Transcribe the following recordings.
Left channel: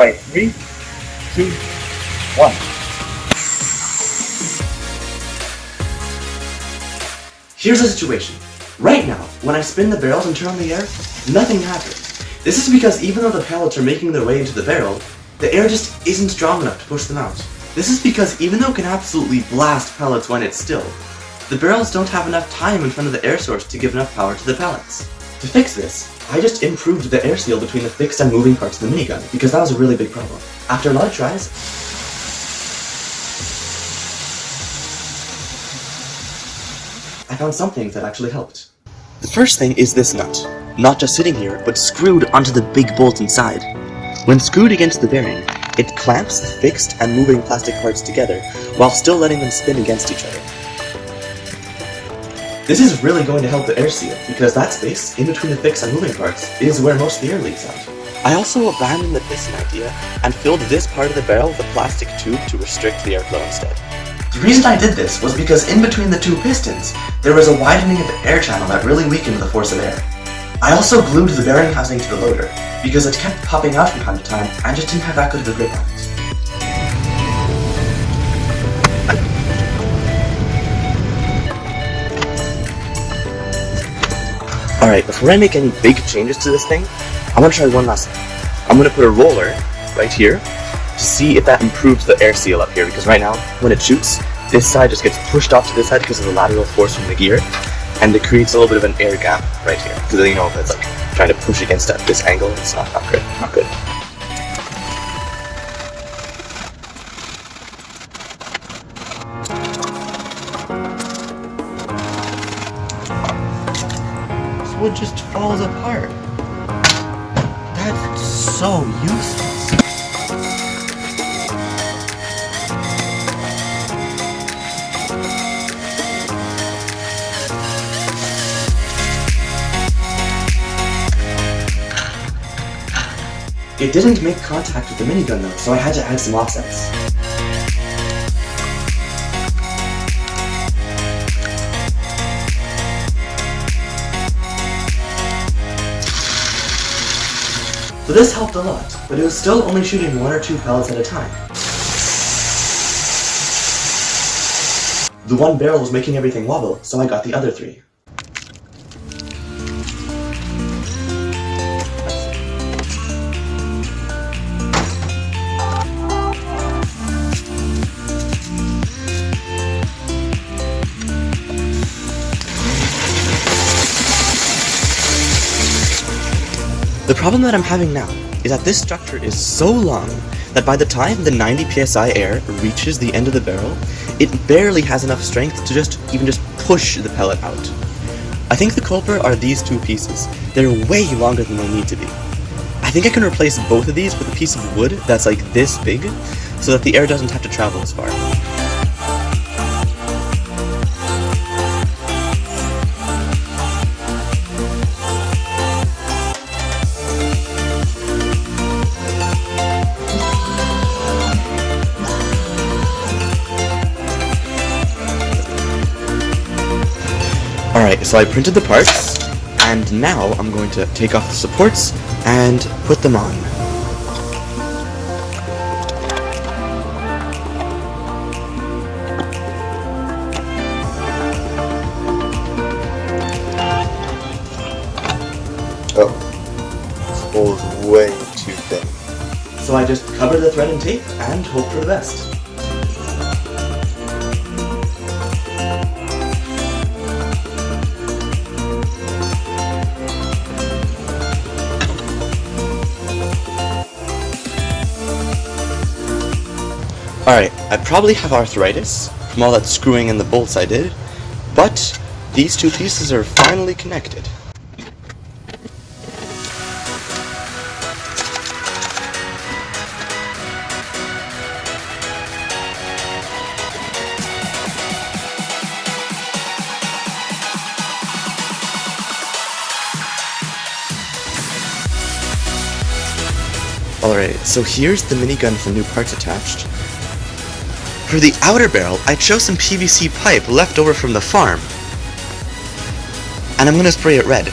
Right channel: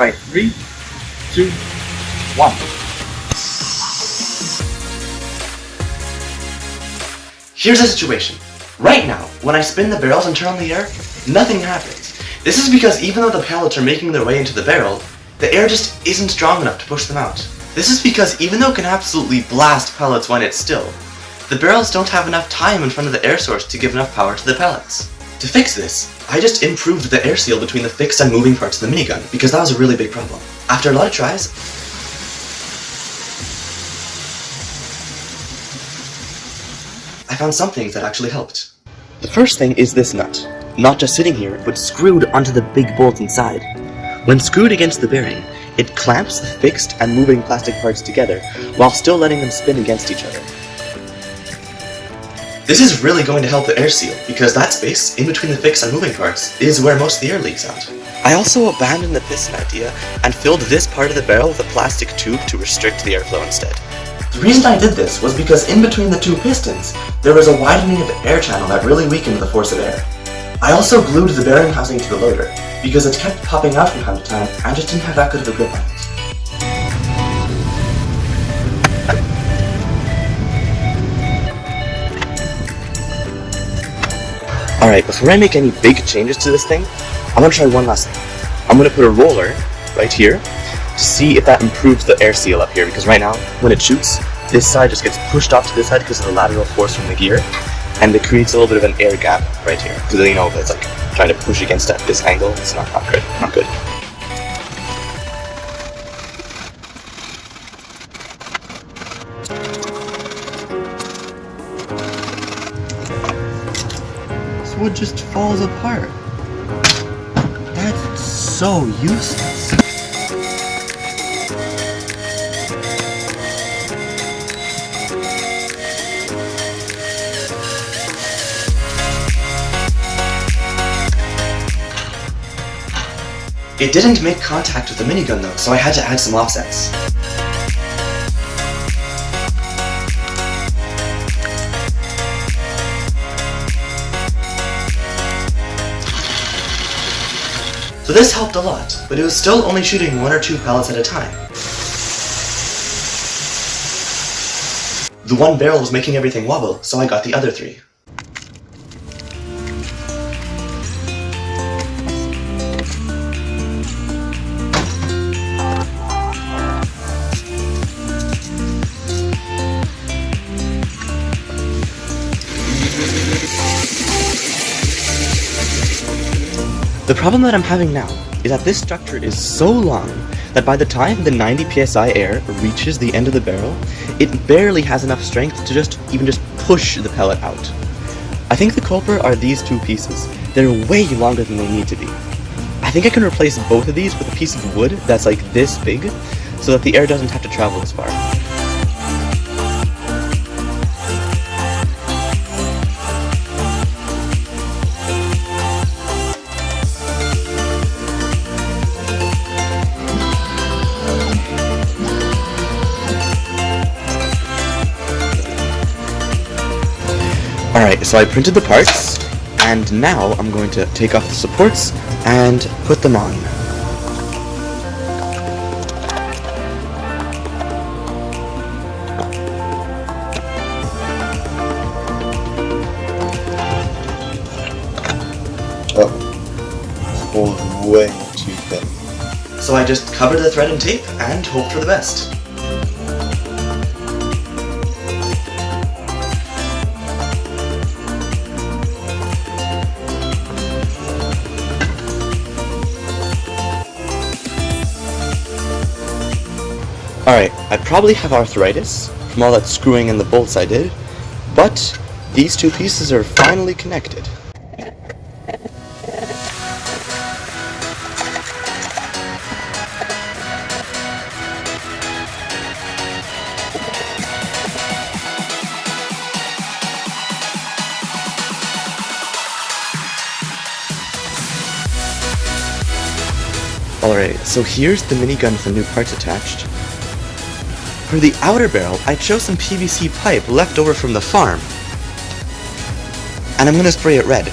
Right, 3, 2, 1. Here's the situation. Right now, when I spin the barrels and turn on the air, nothing happens. This is because even though the pellets are making their way into the barrel, the air just isn't strong enough to push them out. This is because even though it can absolutely blast pellets when it's still, the barrels don't have enough time in front of the air source to give enough power to the pellets. To fix this, I just improved the air seal between the fixed and moving parts of the minigun, because that was a really big problem. After a lot of tries, I found something that actually helped. The first thing is this nut. Not just sitting here, but screwed onto the big bolt inside. When screwed against the bearing, it clamps the fixed and moving plastic parts together, while still letting them spin against each other. This is really going to help the air seal, because that space in between the fixed and moving parts is where most of the air leaks out. I also abandoned the piston idea and filled this part of the barrel with a plastic tube to restrict the airflow instead. The reason I did this was because in between the two pistons, there was a widening of the air channel that really weakened the force of air. I also glued the bearing housing to the loader, because it kept popping out from time to time and just didn't have that good of a grip on it. Alright, before I make any big changes to this thing, I'm gonna try one last thing. I'm gonna put a roller right here to see if that improves the air seal up here, because right now, when it shoots, this side just gets pushed off to this side because of the lateral force from the gear, and it creates a little bit of an air gap right here, because then you know if it's like trying to push against at this angle, it's not good, not good. So it just falls apart. That's so useless. It didn't make contact with the minigun though, so I had to add some offsets. So this helped a lot, but it was still only shooting 1 or 2 pellets at a time. The one barrel was making everything wobble, so I got the other 3. The problem that I'm having now is that this structure is so long that by the time the 90 psi air reaches the end of the barrel, it barely has enough strength to even just push the pellet out. I think the culprit are these 2 pieces. They're way longer than they need to be. I think I can replace both of these with a piece of wood that's like this big, so that the air doesn't have to travel as far. Alright, so I printed the parts, and now I'm going to take off the supports and put them on. Oh, this hole's way too thin. So I just cover the thread in tape and hope for the best. Alright, I probably have arthritis from all that screwing in the bolts I did, but these 2 pieces are finally connected. Alright, so here's the minigun with the new parts attached. For the outer barrel, I chose some PVC pipe left over from the farm, and I'm gonna spray it red.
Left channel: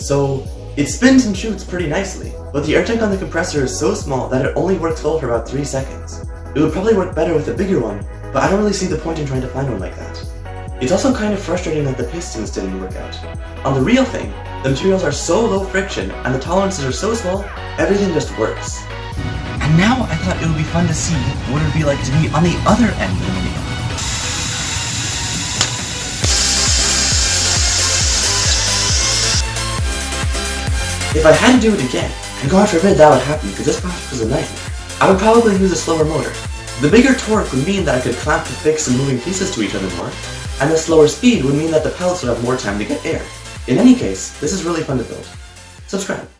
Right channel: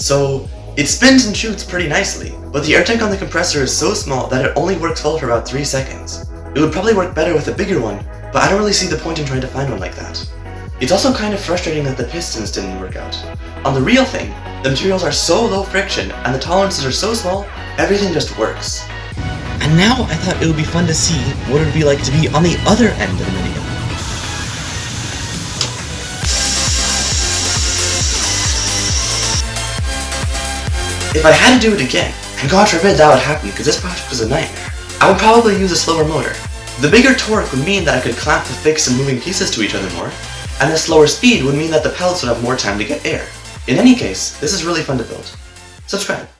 So it spins and shoots pretty nicely, but the air tank on the compressor is so small that it only works well for about 3 seconds. It would probably work better with a bigger one, but I don't really see the point in trying to find one like that. It's also kind of frustrating that the pistons didn't work out. On the real thing, the materials are so low friction and the tolerances are so small, everything just works. And now I thought it would be fun to see what it would be like to be on the other end of the minigun. If I had to do it again, and God forbid that would happen because this project was a nightmare, I would probably use a slower motor. The bigger torque would mean that I could clamp the fixed and moving pieces to each other more, and the slower speed would mean that the pellets would have more time to get air. In any case, this is really fun to build. Subscribe.